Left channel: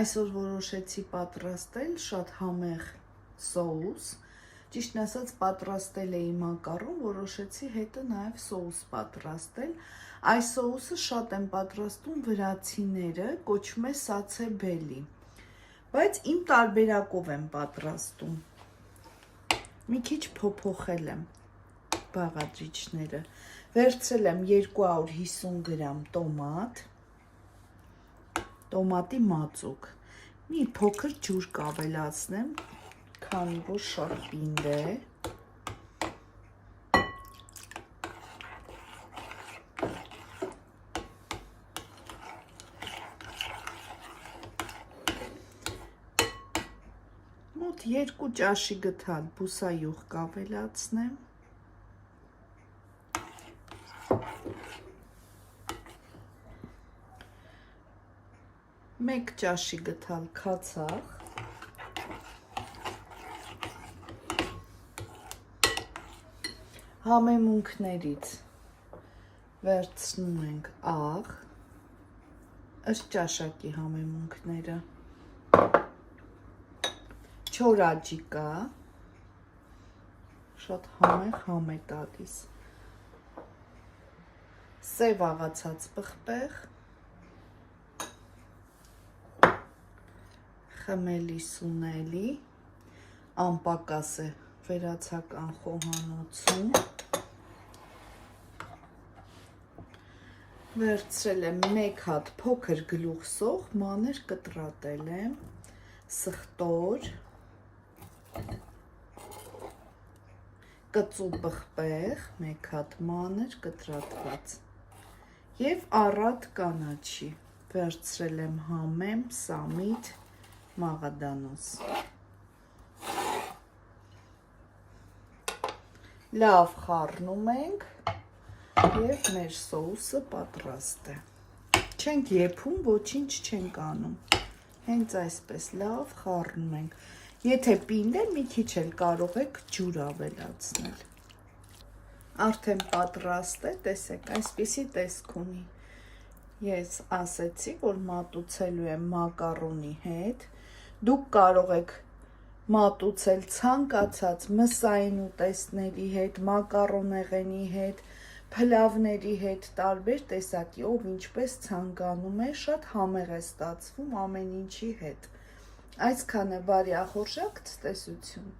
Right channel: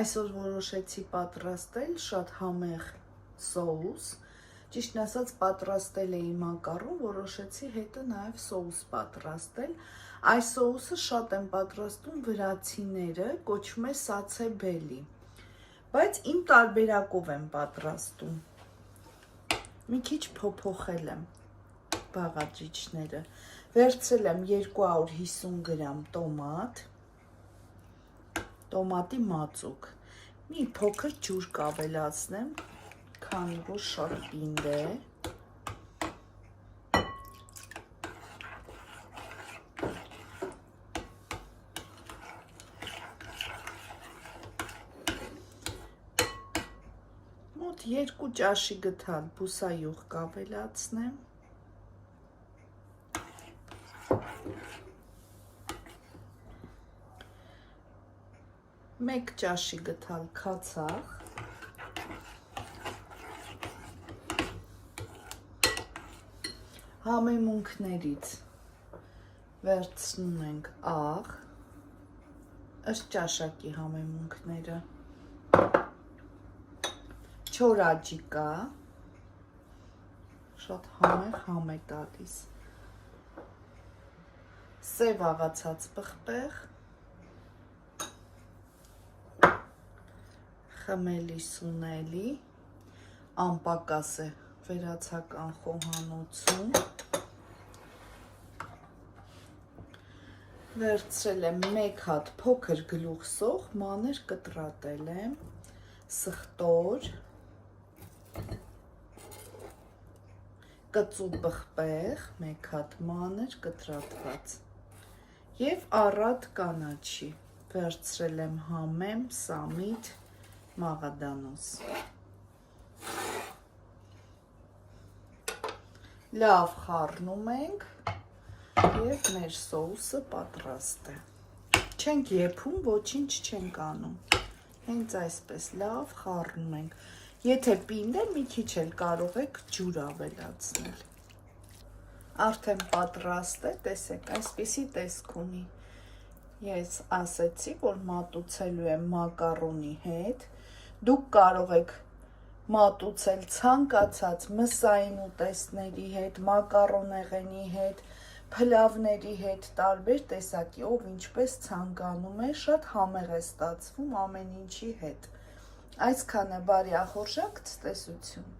Այսօր որոշեցի պատրաստել շատ համեղ սոուս, ճիշտն ասած պատրաստել էի մակարոն, որոշեցի հետը նաև սոուս պատրաստել, այս սոուսը շատ են պատրաստում վրացիները, կոչվում է սացեբելի, բայց իմ տարբերակով եմ պատրաստում, մի քիչ փոփոխել եմ բաղադրիչները, վերցրել եմ 250 գրամ տոմատ, տոմատի մածուկ, մի փոքր ջուր կավելացնեմ, քանի որ շատ պինդ է, մոտ 2 ճաշի գթալ բուսայուղ կավելացնեմ, մեկ ճաշի գթալ քացախ, համեմունքներից վերցնում ենք աղ, ըստ ճաշակի համեմունքները, չորաջիկա, շատ համեղ է տալիս, սև աղացած պղպեղ, խմելի սունելի, անպակաս է վերացական խոհանոցում, վերցրել եմ մեկ հատ փոքր գլուխսող, մանր կտրատել եմ, սխտոր, կծու պղպեղ, մեկ հատ մանր կտրատված և առատ կանաչի, վերցրել եմ համեմ, սամիտ, մաղադանոս, լավ խառնում ենք և մեր սոուսը պատրաստ է, չենք եփում, ոչինչ չենք անում, հենց այսպես լավ խառնում ենք, եթե պինդ է մի քիչ էլ կարող եք ջուր ավելացնել, արդեն պատրաստ է, տեսեք, այսպիսի տեսք ունի, ես ասեցի, որ մատուցելու եմ մակարոնի հետ, դուք կարող եք մատուցել ցանկացած մսային ուտեստների հետ, մակարոնեղենի հետ, փլավների հետ, տարբեր տեսակի, ով ինչպես ցանկանում է, շատ համեղ է ստացվում ամեն ինչի հետ, այսքանը բարի ախորժակ ցտեսություն։